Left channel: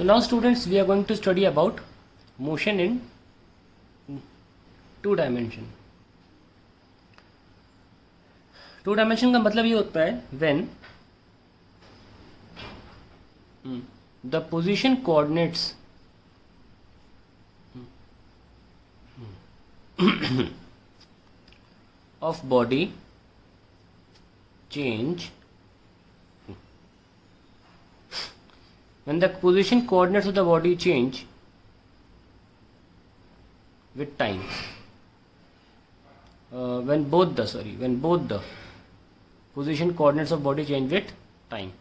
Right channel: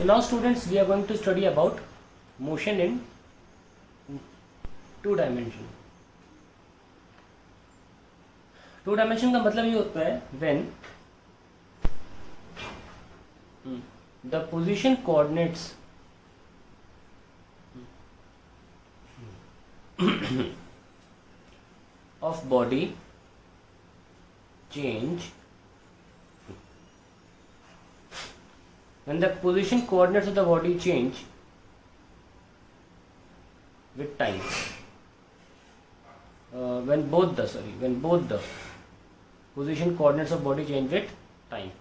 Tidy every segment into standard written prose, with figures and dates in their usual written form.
So now students, we are going to study about motion in two dimension. Two dimension का मतलब ये होता है when the position coordinates of body change when the position coordinates of the body change with time. When both the position coordinates of body change with time.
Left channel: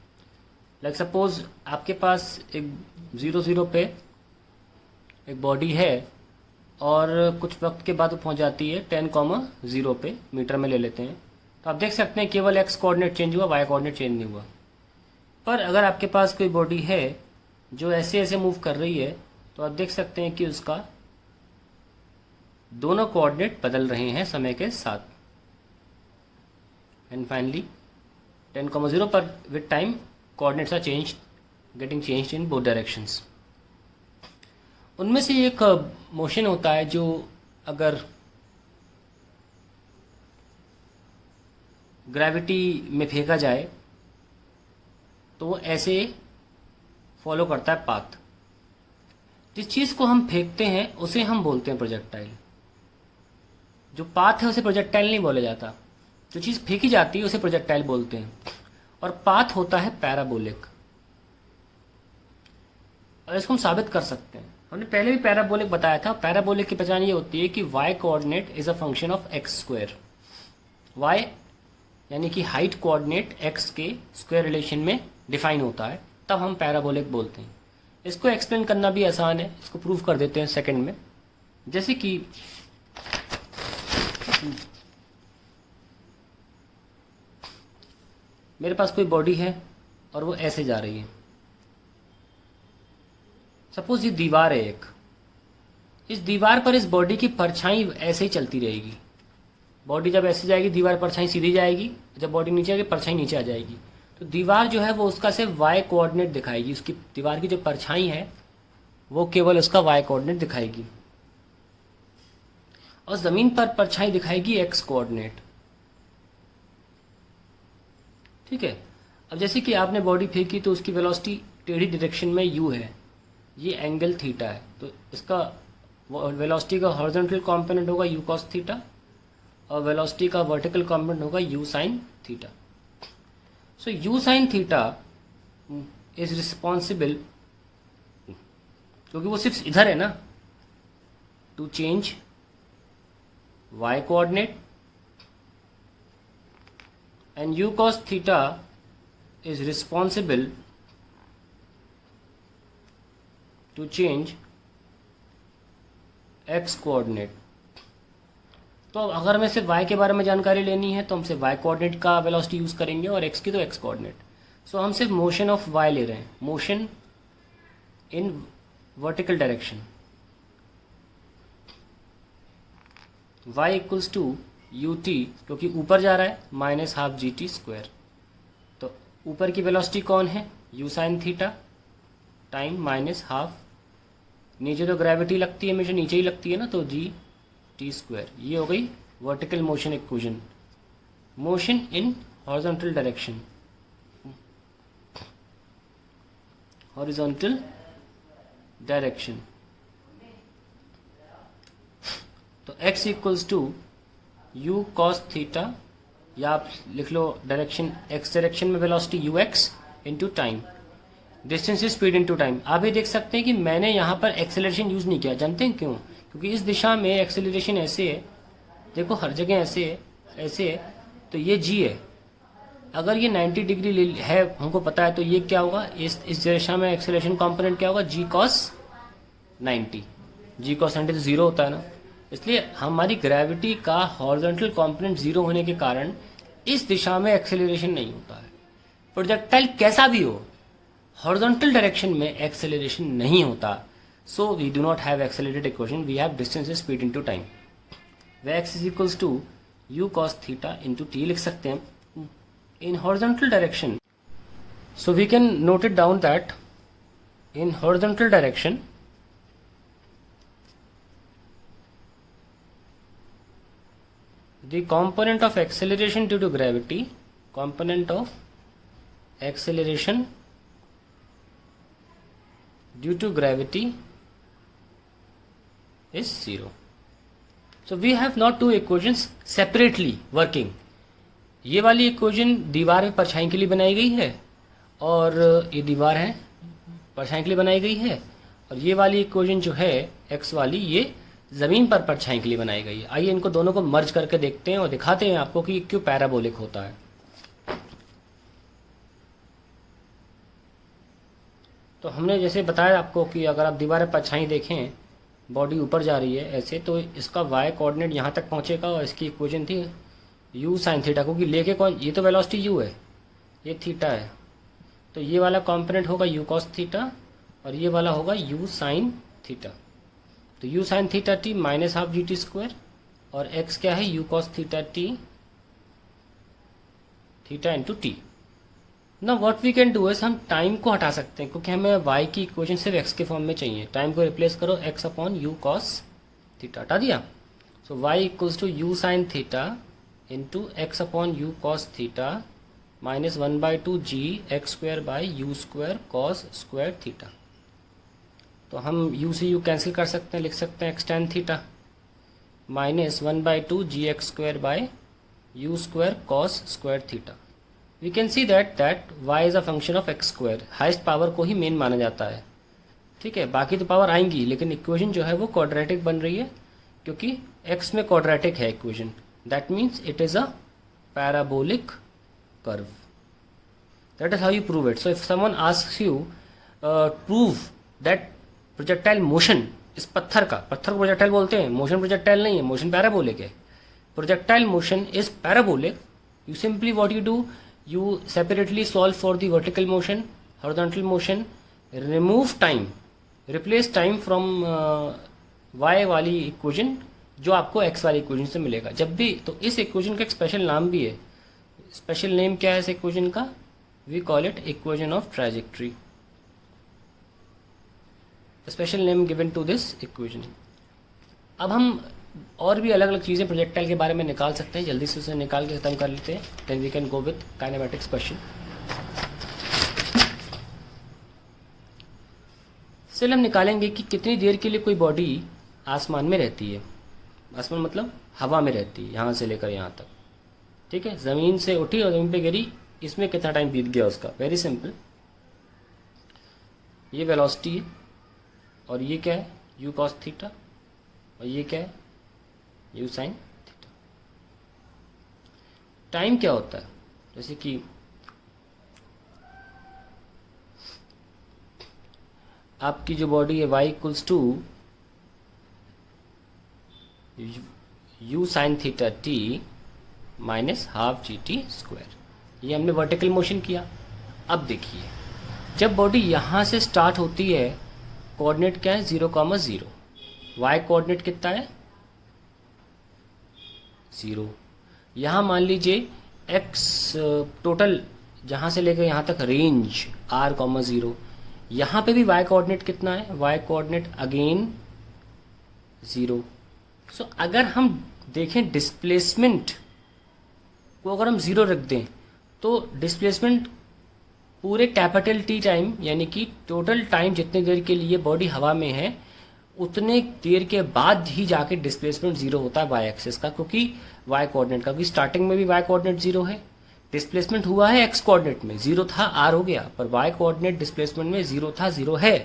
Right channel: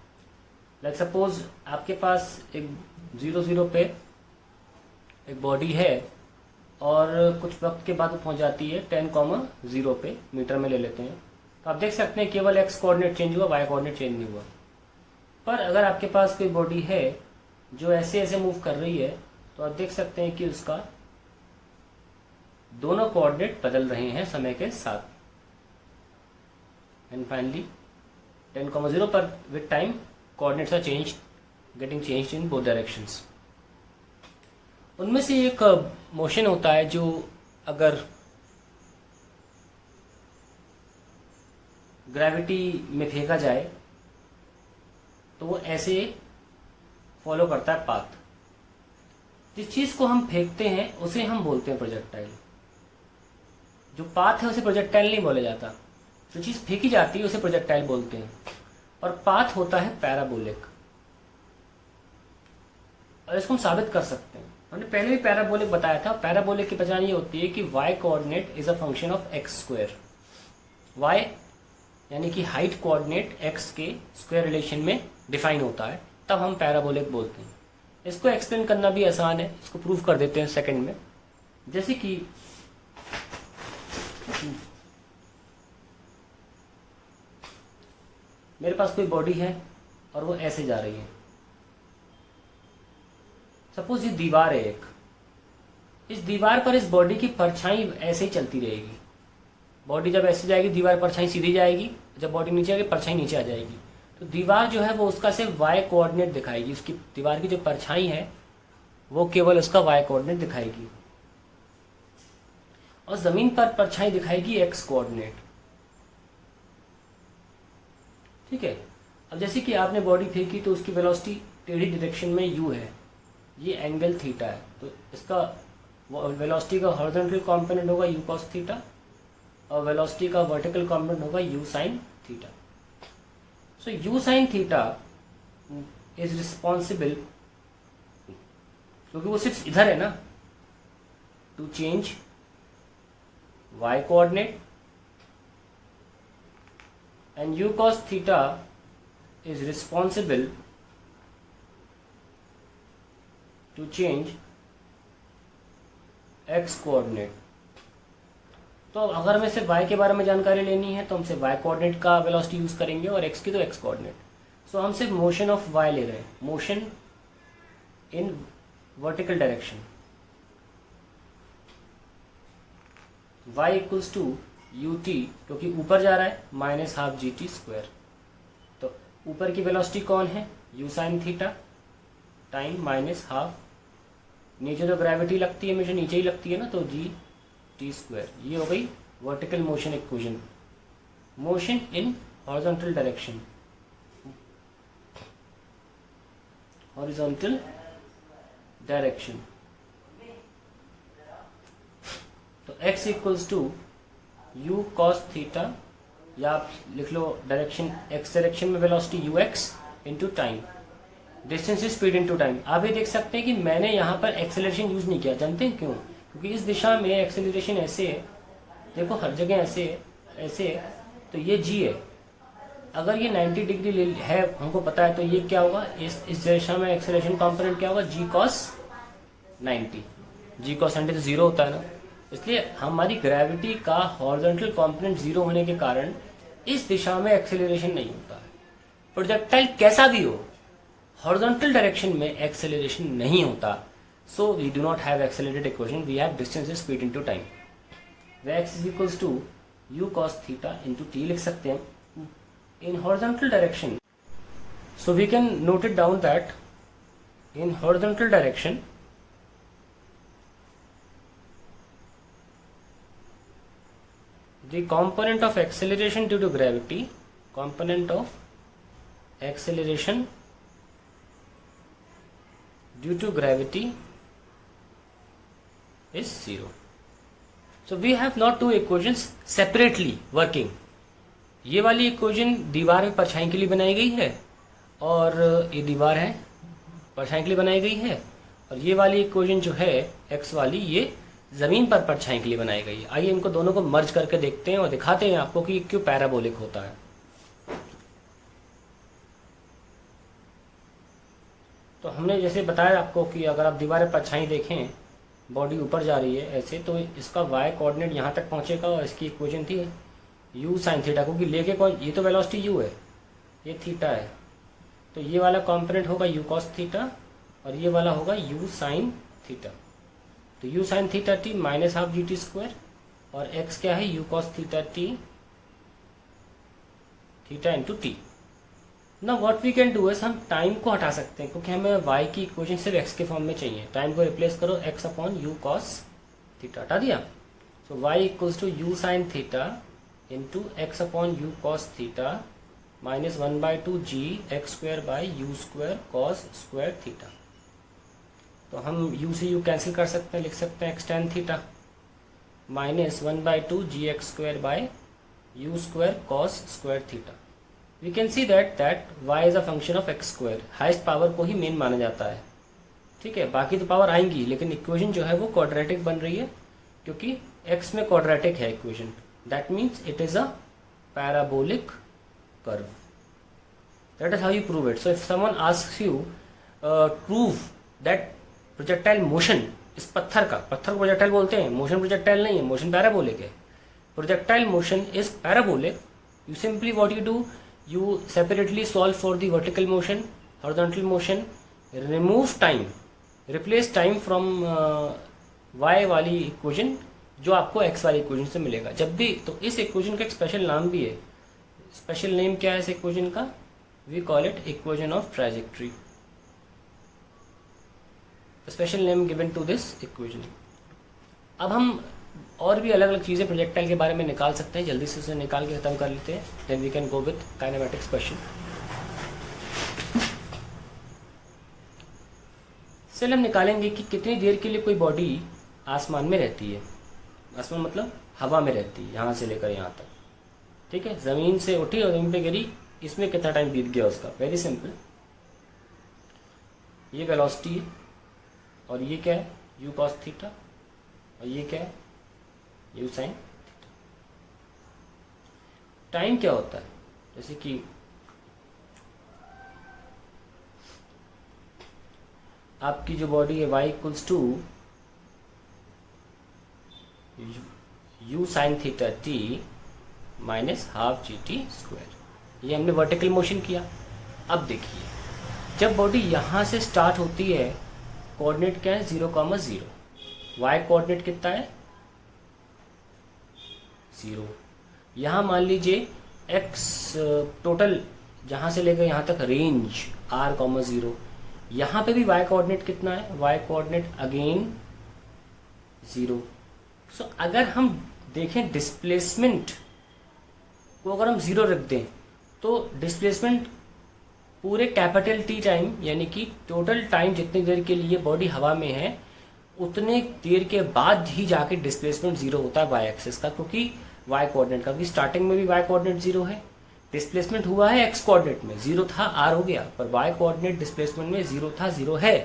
Like suppose आपके पास एक 0 पे एक body है और कुछ वक्त के बाद वो पहुंच जाती है 10,0 पे, मीटर में ले लेते हैं. तो आप देख सकते हैं केवल एक्स कोऑर्डिनेट चेंज हुआ, वाई कोऑर्डिनेट चेंज नहीं हुआ. पर अगर आपके पास कोई बॉडी है जो ऐसे ऐसे मूव कर रही है तो आप देख सकते हैं कि उसका दोनों कोऑर्डिनेट बदल रहे हैं समय के साथ. एंड फाइनली 10,0 पर with time coordinates are getting changed in both directions. उनमें से एक मोशन होता है जो अगर ग्रेविटी में फेंका जाए तो वो ऐसे फॉलो करता है पाथ. जिस चीज को हम फेंकते हैं उसे हम बोलते हैं प्रोजेक्टाइल. जो पाथ है उसे प्रोजेक्टाइल नहीं बोला जाता. जो चीज फेंकी जाती है उसे प्रोजेक्टाइल बोलते हैं. और पाथ होता है पैराबोलिक. और इसको हम साबित कर सकते हैं. हमने पहले भी पैराबोलिक बताया था. पैराबोलिक की पहचान ये होती है कि y coordinate is a function of x square. y यानी कि हाइट कोऑर्डिनेट x के स्क्वायर रिलेशन में डिफाइन होता है, तब हम पैराबोलिक बोलते हैं. इसको एक्सप्लेन करना भी आसान है. इसको प्रूव कर देते हैं सेकंड में. जैसे कि मेरे पास कोई बॉडी है और वो ऐसे जा रही है. सपोज ये दीवार है एक. इस दीवार पर इस बॉडी की परछाई ऐसे ही चलती रहेगी. बॉडी जब ऐसे जाएगी दीवार परछाई सीधी जाएगी, जब बॉडी नीचे आएगी परछाई नीचे आ जाएगी. तो दीवार जो है वो उसका सिर्फ वाई कोऑर्डिनेट दिखाएगी. उसकी दीवार की जो परछाई है वो केवल उसका वाई कोऑर्डिनेट दिखाएगी. और जमीन पर परछाई दिखाएगी एक्स कोऑर्डिनेट. ठीक है. अब जैसे कि आपने बॉडी फेंकी तो उसकी वेलोसिटी टेढ़ी डायरेक्शन में यू है. ये एंगल थीटा है. तो इसका वेलोसिटी का हॉरिजॉन्टल कंपोनेंट होगा यू कॉस थीटा और वेलोसिटी का वर्टिकल कंपोनेंट होगा u sine theta. So u sine theta is responsible, क्योंकि वो सिर्फ इधर है ना, to change y coordinate. And u cos theta is responsible to change x coordinate. तो अगर हमें सिर्फ y के बारे में जानकारी लेनी है तो हम सिर्फ y कोऑर्डिनेट का वेलोसिटी यूज करेंगे और x की तो x कोऑर्डिनेट. सो हम सिर्फ मोशन ऑफ y ले रहे हैं, motion in vertical direction. y equals to ut, क्योंकि ऊपर जा रहा है, minus half g t square. तो ऊपर की वेलोसिटी कौन है, u sine theta time minus half. नीचे तो ग्रेविटी लगती है, हमेशा नीचे ही लगती है ना, तो जी टी स्क्वायर. ये हो गई vertical motion equation. Motion in horizontal direction, horizontal direction. तो x equals to u cos theta, या आप लिख लो डायरेक्शन x डायरेक्शन में velocity u x into time. Distance is speed into time. आप ये देख सकते हैं कि मैंने यहाँ पर एक्सेलरेशन यूज नहीं किया. जानते हैं क्यों? क्योंकि इस दिशा में एक्सेलरेशन ऐसे है, देखो हर जगह ऐसे है, ऐसे है. तो ये g है. अगर ये 90 डिग्री है हमको पता है, तो ये क्या होगा, इस दिशा में एक्सेलरेशन कंपोनेंट क्या होगा, g cos 90. g cos 90 तो जीरो होता है ना. इसलिए हमारी ग्रेविटी का हॉरिजॉन्टल कंपोनेंट जीरो होने के कारण इस दिशा में एक्सेलरेशन नहीं होता है. प्रोजेक्टाइल कैसा भी हो, हॉरिजॉन्टल डायरेक्शन में एक्सेलरेशन नहीं होता. So we do not have accelerated equation, we have distance speed into time. वे x is equals to u cos theta into t लिख सकते हैं in horizontal direction. So we can note it down that in horizontal direction the component of acceleration due to gravity, component of acceleration due to gravity is 0. So we have not two equations separately working. ये वाली equation दीवार में परछाई के लिए बनाई गई है और ये दीवार है परछाई के लिए बनाई गई है, और ये वाली इक्वेशन जो है x वाली ये ज़मीन पर परछाई के लिए बनाई गई है. आइए इनको दोनों को मर्ज करके देखते हैं और दिखाते हैं आपको कि क्यों पैराबोलिक होता है. तो हमने जैसे बताया आपको कि अगर आप दीवार पर परछाई देखें, बॉडी ऊपर जा रही है ऐसे, तो इसका y कोऑर्डिनेट यहाँ तक पहुँचेगा और इसकी इक्वेशन थी u साइन थीटा, क्योंकि लेके कौन, ये तो वेलोसिटी u है, ये थीटा है, तो ये वाला कॉम्पोनेंट होगा u कॉस थीटा और ये वाला होगा u साइन थीटा. तो u sine theta t minus half g t square और x क्या है u cos theta t theta into t. ना what we can do is हम टाइम को हटा सकते हैं, क्योंकि हमें y की इक्वेशन सिर्फ x के फॉर्म में चाहिए. टाइम को रिप्लेस करो x upon u cos theta, हटा दिया. So y equals to u sine theta into x upon u cos theta minus 1/2 g x square by u square cos square theta. तो हम u से u cancel कर सकते हैं, लिख सकते हैं x tan theta minus 1/2 g x square by u square cos square theta. We can see that y is a function of x square. Highest power को ही मेन माना जाता है, ठीक है, बाकी तो पावर आएंगी, लेकिन इक्वेशन जो है वो क्वाड्रेटिक बन रही है क्योंकि x में क्वाड्रेटिक है equation. That means it is a parabolic curve. That is how you prove it. So if someone asks you prove that projectile motion इस पत्थर का, पत्थर को प्रोजेक्टाइल बोलते हैं, मोशन प्रोजेक्टाइल नहीं है, मोशन पैराबोलिक है. Projectile motion is parabolic. You simply what you do, you separately solve for the vertical motion, horizontal motion, remove time, replace time from y वाली इक्वेशन जो आपको x वाली equation से मिलेगा जब भी. तो इस इक्वेशन का एक स्पेशल नाम भी है. स्पेशल नेम क्या है इस इक्वेशन का? We call it equation of trajectory. Special name given to this equation. अब हम और भी अलग अलग चीज़ें प्रोजेक्टाइल के बारे में निकाल सकते हैं, जल्दी से उसे निकाल के खत्म कर लेते हैं. Then we can go with kinematics question. चलिए हम निकालेंगे कि कितनी देर के लिए कोई बॉडी आसमान में रहती है. आसमान मतलब हवा में रहती है, यहाँ से लेकर यहाँ तक, ठीक है. ज़मीन से उठी और ज़मीन पे गिरी, इसमें कितना टाइम बीत गया उसका? Very simple. ये वेलोसिटी है और ये क्या है? यू कॉस थीटा, और ये क्या है? U sine theta. टाइम क्या होता है? जैसे कि आपकी जो बॉडी है y equals to u sine theta t minus half g t square. ये हमने वर्टिकल मोशन किया. अब देखिए, जब बॉडी यहाँ से स्टार्ट होती है, कोऑर्डिनेट क्या है? 0,0. y कोऑर्डिनेट कितना है? 0. यहाँ मान लीजिए x टोटल जहाँ से लेकर यहाँ तक रेंज r,0. यहाँ पे भी y कोऑर्डिनेट कितना है? y coordinate again 0. सो अगर हम देखें डिस्प्लेसमेंट को, अगर हम 0 रख दें तो डिस्प्लेसमेंट पूरे कैपिटल T टाइम, यानी कि टोटल टाइम जितनी देर के लिए बॉडी हवा में है उतने देर के बाद ही जाके डिस्प्लेसमेंट 0 होता है y एक्सिस का, क्योंकि y कोऑर्डिनेट का, क्योंकि स्टार्टिंग में भी y कोऑर्डिनेट 0 है. डिस्प्लेसमेंट हुआ है x कोऑर्डिनेट में, 0 था r हो गया, पर y कोऑर्डिनेट डिस्प्लेसमेंट में 0 था, 0 है.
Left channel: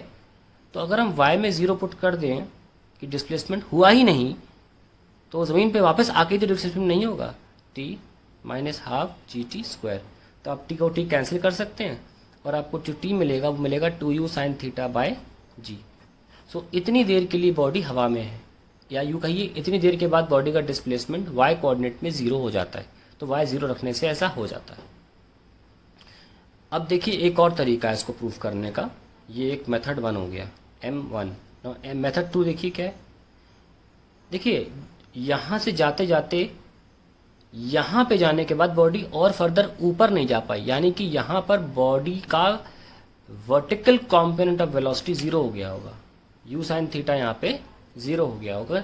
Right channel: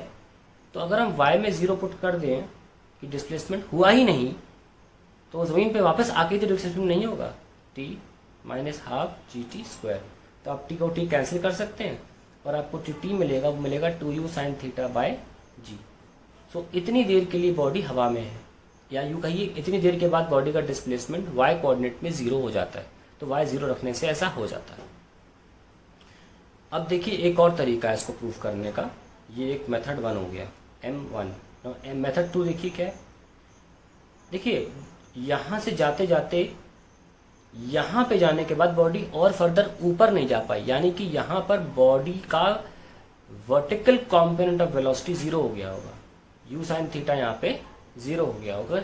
तो अगर हम y में 0 पुट कर दें कि डिस्प्लेसमेंट हुआ ही नहीं, तो ज़मीन पे वापस आके तो डिस्प्लेसमेंट नहीं होगा. t minus half g t square. तो आप t को t कैंसिल कर सकते हैं और आपको जो t मिलेगा वो मिलेगा 2u साइन थीटा बाय जी. सो इतनी देर के लिए बॉडी हवा में है, या यूँ कहिए इतनी देर के बाद बॉडी का डिस्प्लेसमेंट y कोऑर्डिनेट में 0 हो जाता है. तो y 0 रखने से ऐसा हो जाता है. अब देखिए एक और तरीका है इसको प्रूफ करने का. ये एक मेथड 1 हो गया, M1. मेथड 2 देखिए क्या है. देखिए यहाँ से जाते जाते यहाँ पे जाने के बाद बॉडी और फर्दर ऊपर नहीं जा पाई, यानी कि यहाँ पर बॉडी का vertical component of velocity zero हो गया होगा, यू साइन थीटा यहाँ पे जीरो हो गया होगा।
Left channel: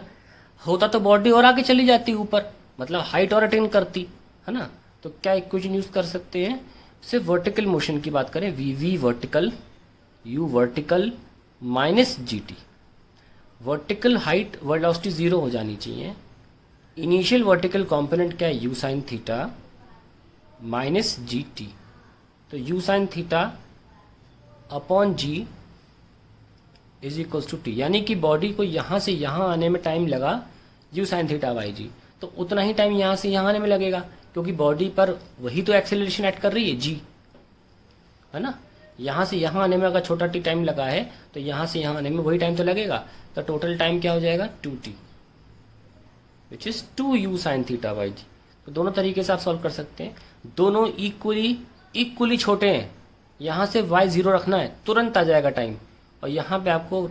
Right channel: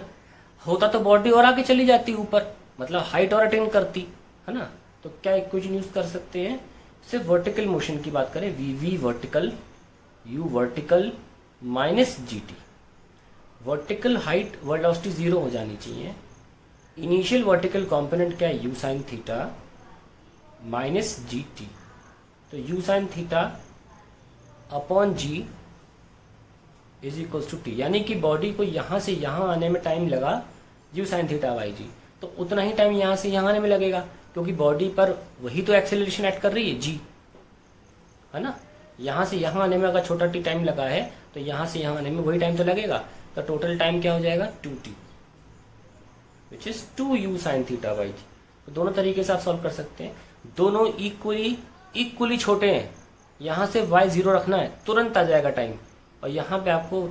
होता तो बॉडी और आगे चली जाती ऊपर, मतलब हाइट और अटेन करती, है ना। तो क्या इक्वेशन यूज कर सकते हैं, सिर्फ वर्टिकल मोशन की बात करें, v v vertical u vertical minus g t. Vertical height velocity zero हो जानी चाहिए। इनिशियल वर्टिकल कंपोनेंट क्या है, u sine theta minus g t. तो u sine theta upon g is equal to t, यानी कि बॉडी को यहां से यहां आने में टाइम लगा you sine theta by g, तो उतना ही टाइम यहां से यहां आने में लगेगा, क्योंकि बॉडी पर वही तो एक्सेलरेशन ऐड कर रही है जी, है ना। यहां से यहां आने में अगर छोटा टी टाइम लगा है तो यहां से यहां आने में वही टाइम तो लगेगा। तो टोटल टाइम क्या हो जाएगा, 2t, which is 2u sine theta by g. तो दोनों तरीके से आप सॉल्व कर सकते हैं, दोनों इक्वली छोटे हैं। यहां से y जीरो रखना है, तुरंत आ जाएगा टाइम, और यहाँ पे आपको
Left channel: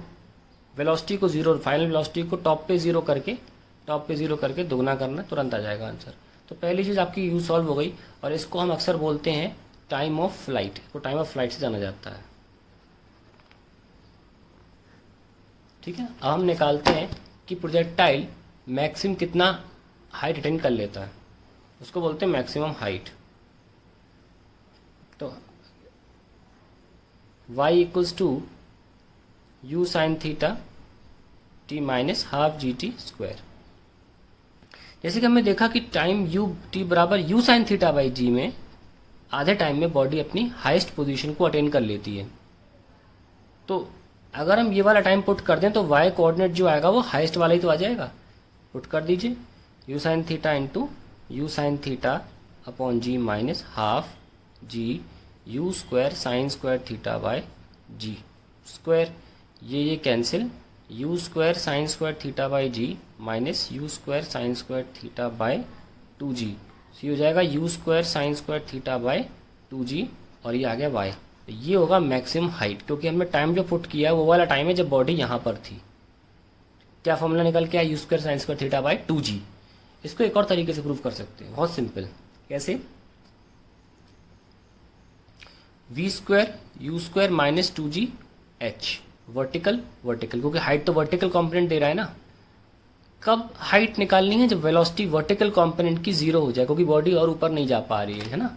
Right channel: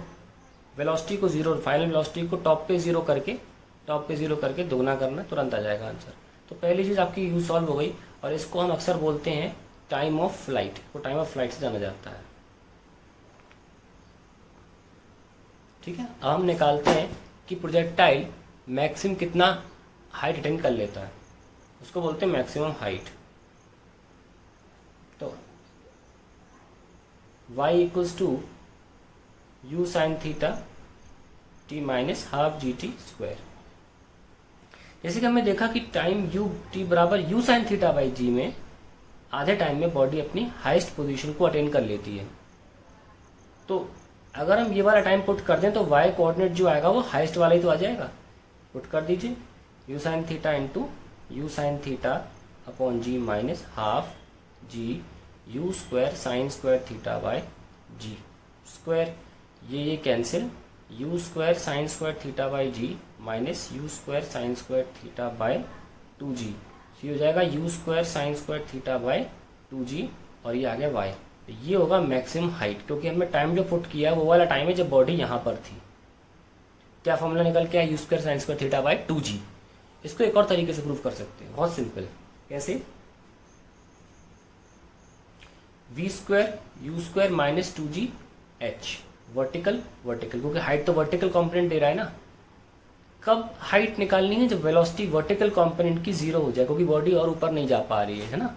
वेलोसिटी को जीरो, फाइनल वेलोसिटी को टॉप पे जीरो करके दोगुना करना, तुरंत आ जाएगा आंसर। तो पहली चीज आपकी यू सॉल्व हो गई, और इसको हम अक्सर बोलते हैं टाइम ऑफ फ्लाइट, तो टाइम ऑफ फ्लाइट से जाना जाता है। ठीक है, अब हम निकालते हैं कि प्रोजेक्टाइल मैक्सिमम कितना हाइट अटेन कर लेता है, उसको बोलते हैं मैक्सिमम हाइट। तो y equals to u sine theta t minus half g t square. जैसे कि हमने देखा कि टाइम यू टी बराबर u sine theta by g में आधे टाइम में बॉडी अपनी हाईएस्ट पोजीशन को अटेन कर लेती है। तो अगर हम ये वाला टाइम पुट कर दें तो y कोऑर्डिनेट जो आएगा वो हाईएस्ट वाला ही तो आ जाएगा। पुट कर दीजिए, u sine theta into u sine theta upon g minus half g u square sine square theta by g square. ये cancel, u square sine square theta by g minus u square sine square theta by 2g, ये हो जाएगा u square sine square theta by 2g, और ये आ गया y। तो ये होगा मैक्सिमम हाइट, क्योंकि हमने टाइम जो पुट किया वो वाला टाइम है जब बॉडी यहाँ पर थी। क्या फॉर्मूला निकल के आया, u square sine square theta by 2g। इसको एक और तरीके से प्रूव कर सकते हैं, बहुत सिंपल। कैसे, v square u square minus 2g h, vertical क्योंकि हाइट तो वर्टिकल कंपोनेंट दे रहा है ना। कब हाइट निकालनी है, जब वेलोसिटी वर्टिकल कंपोनेंट की जीरो हो जाए, क्योंकि बॉडी और ऊपर नहीं जा पा रही है ना।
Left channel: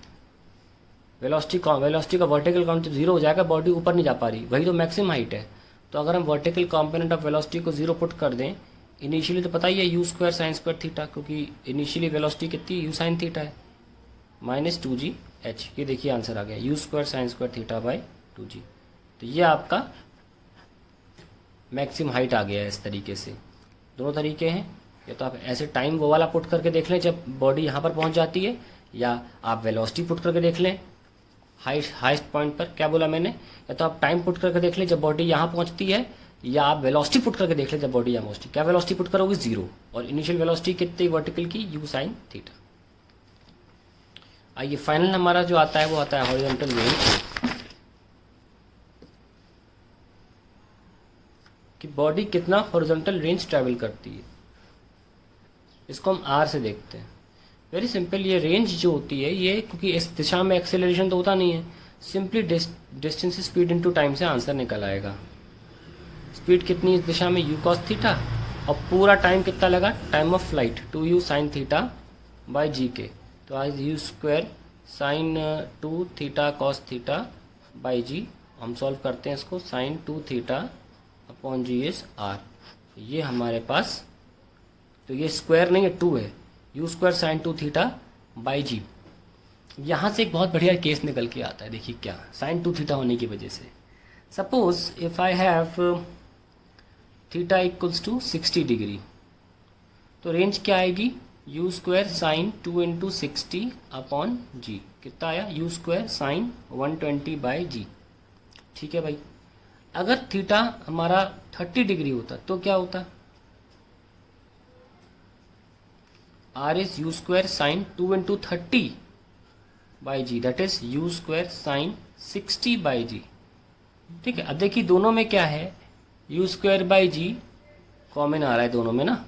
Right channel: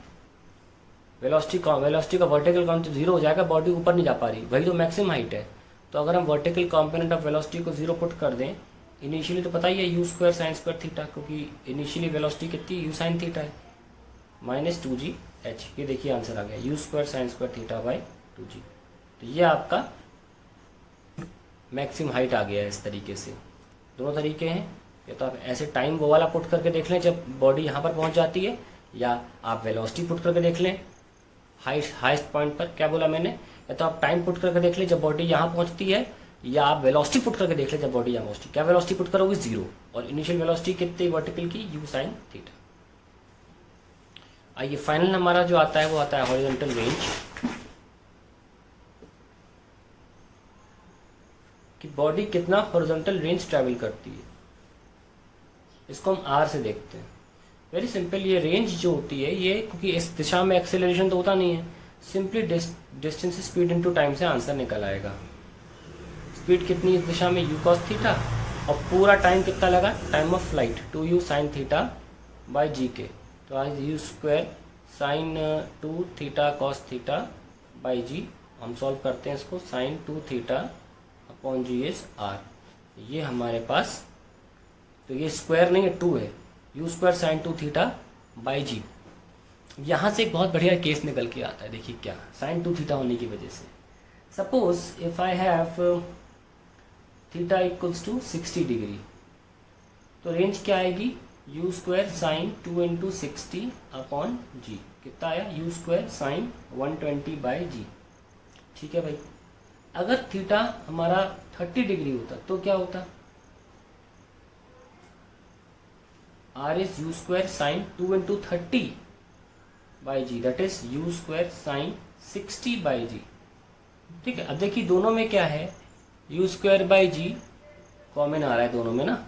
वेलोसिटी का वर्टिकल कंपोनेंट जीरो हो जाएगा, बॉडी ऊपर नहीं जा पा रही, वही तो मैक्सिमम हाइट है। तो अगर हम वर्टिकल कंपोनेंट ऑफ वेलोसिटी को जीरो पुट कर दें, इनिशियली तो पता ही है u square sine square theta, क्योंकि इनिशियली वेलोसिटी कितनी यू साइन थीटा है, माइनस 2g h। ये देखिए आंसर आ गया, you square sine square theta by 2g। तो ये आपका मैक्सिमम हाइट आ गया है। इस तरीके से दोनों तरीके हैं, या तो आप ऐसे टाइम वो वाला पुट करके देख लें जब बॉडी यहाँ पर पहुँच जाती है, या आप वेलोसिटी पुट करके देख लें हाईएस्ट पॉइंट पर। क्या बोला मैंने, या तो आप टाइम पुट करके देख लें जब बॉडी यहाँ पहुँचती है, या आप वेलोसिटी पुट करके देख लें जब बॉडी यहाँ पहुँचती है। क्या वेलोसिटी पुट करोगे, जीरो, और इनिशियल वेलोसिटी कितनी वर्टिकल की, यू साइन थीटा। आइए फाइनल हमारा जो आता है वो आता है हॉरिजॉन्टल रेंज, कि बॉडी कितना हॉरिजॉन्टल रेंज ट्रैवल करती है। इसको हम आर से देखते हैं। वेरी सिंपल, ये रेंज जो होती है ये, क्योंकि इस दिशा में एक्सेलरेशन तो होता नहीं है, simply distance speed into time से आंसर निकल आएगा। स्पीड कितनी इस दिशा में, यू कॉस थीटा, और पूरा टाइम कितना लगा, time of flight 2u sine theta by g के। तो आज u square sine 2 theta cos theta by g. हम सॉल्व करते हैं इसको, sine 2 theta upon g is r. ये हमारे पास, तो ये स्क्वायर नहीं है, 2 है, u square sine 2 theta by g. यहाँ से एक बहुत बढ़िया केस निकल के आता है, देखिए क्या, साइन 2 थीटा होने की वजह से। Suppose if I have theta equals to 60 degree, तो रेंज क्या आएगी, u square sine 2 into 60 upon g. कितना आया, u square sine 120 by g. ठीक है भाई, अगर थीटा हमारा 30 डिग्री होता तो क्या होता, r is u square sine 2 into 30 by g, that is u square sine 60 by g. ठीक है, अब देखिए दोनों में क्या है, u square by g common आ रहा है दोनों में ना।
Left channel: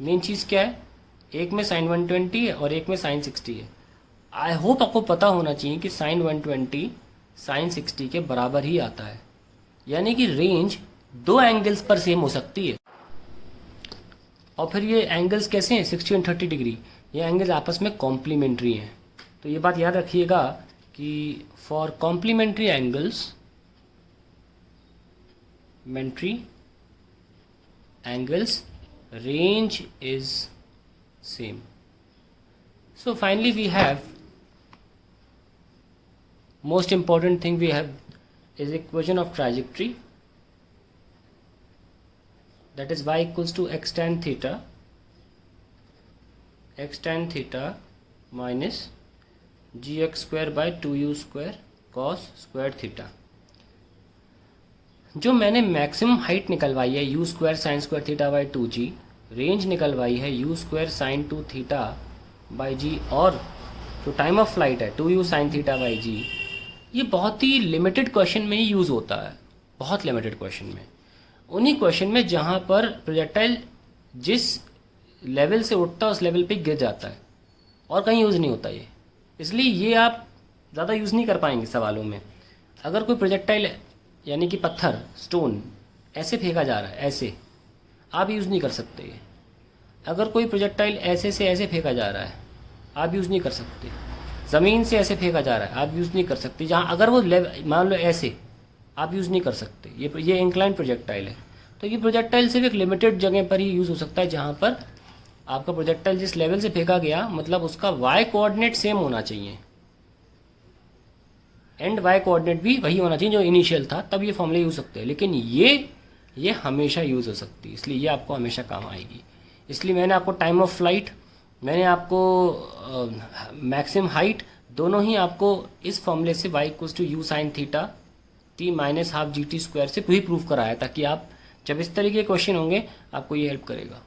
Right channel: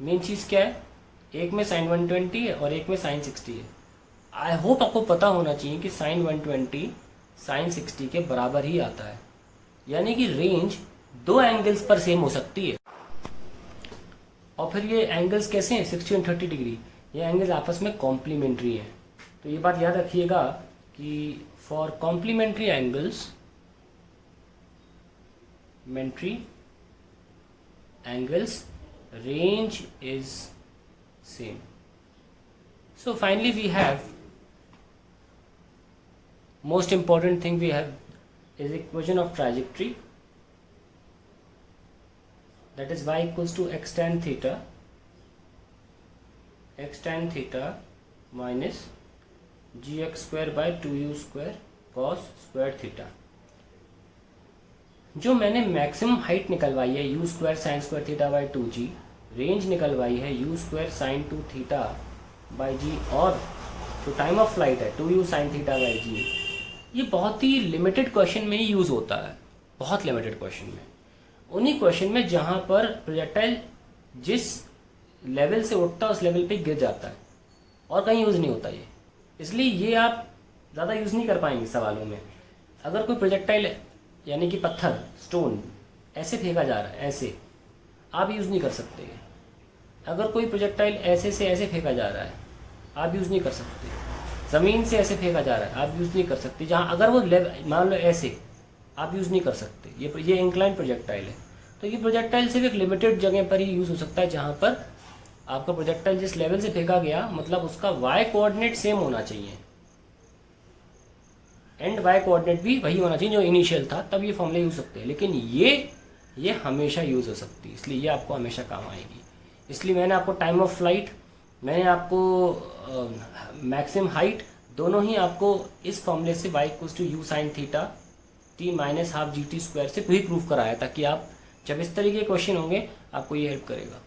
मेन चीज क्या है, एक में साइन 120 है और एक में साइन 60 है। आई होप आपको पता होना चाहिए कि साइन 120 साइन 60 के बराबर ही आता है। यानी कि रेंज दो एंगल्स पर सेम हो सकती है। और फिर ये एंगल्स कैसे हैं, 60 और 30 डिग्री, ये एंगल्स आपस में कॉम्प्लीमेंट्री हैं। तो ये बात याद रखिएगा कि for complementary angles range is same. So finally we have most important thing we have is equation of trajectory, that is y equals to x tan theta minus gx square by 2u square cos square theta। जो मैंने maximum height निकलवाई है u square sine square theta by 2g, range निकलवाई है u square sine 2 theta by g, और जो time of flight है 2u sine theta by g, ये बहुत ही लिमिटेड क्वेश्चन में ही यूज़ होता है, बहुत लिमिटेड क्वेश्चन में। उन्हीं क्वेश्चन में जहाँ पर प्रोजेक्टाइल जिस लेवल से उठता है उस लेवल पे गिर जाता है और कहीं यूज़ नहीं होता ये, इसलिए ये आप ज़्यादा यूज़ नहीं कर पाएंगे सवालों में। अगर कोई प्रोजेक्टाइल यानी कि पत्थर स्टोन ऐसे फेंका जा रहा है, ऐसे आप यूज़ नहीं कर सकते। अगर कोई प्रोजेक्टाइल ऐसे से ऐसे फेंका जा रहा है, आप यूज़ नहीं कर सकते। ज़मीन से ऐसे फेंका जा रहा है, आप यूज़ नहीं कर सकते। जहाँ अगर वो मान लो ऐसे, आप यूज़ नहीं कर सकते। ये इंक्लाइन प्रोजेक्टाइल है, तो ये प्रोजेक्टाइल सिर्फ एक लिमिटेड जगह पर ही यूज़ हो सकता है, जहाँ पर आपका प्रोजेक्टाइल जिस लेवल से फेंका गया, मतलब उसका वाई कोऑर्डिनेट सेम होना चाहिए, एंड वाई कोऑर्डिनेट भी वही होना चाहिए जो इनिशियल था, तब ये फॉर्मूला यूज सकते हैं। लेकिन ये हमेशा यूज हो सकती है, इसलिए ये आपको हमेशा काम आएगी। इसलिए मैंने आपको टाइम ऑफ फ्लाइट, मैंने आपको मैक्सिमम हाइट, दोनों ही आपको इस फॉर्मूले से y equals to u sine theta t minus half g t square से भी प्रूव कराया, ताकि आप जब इस तरीके के क्वेश्चन होंगे आपको ये हेल्प करेगा।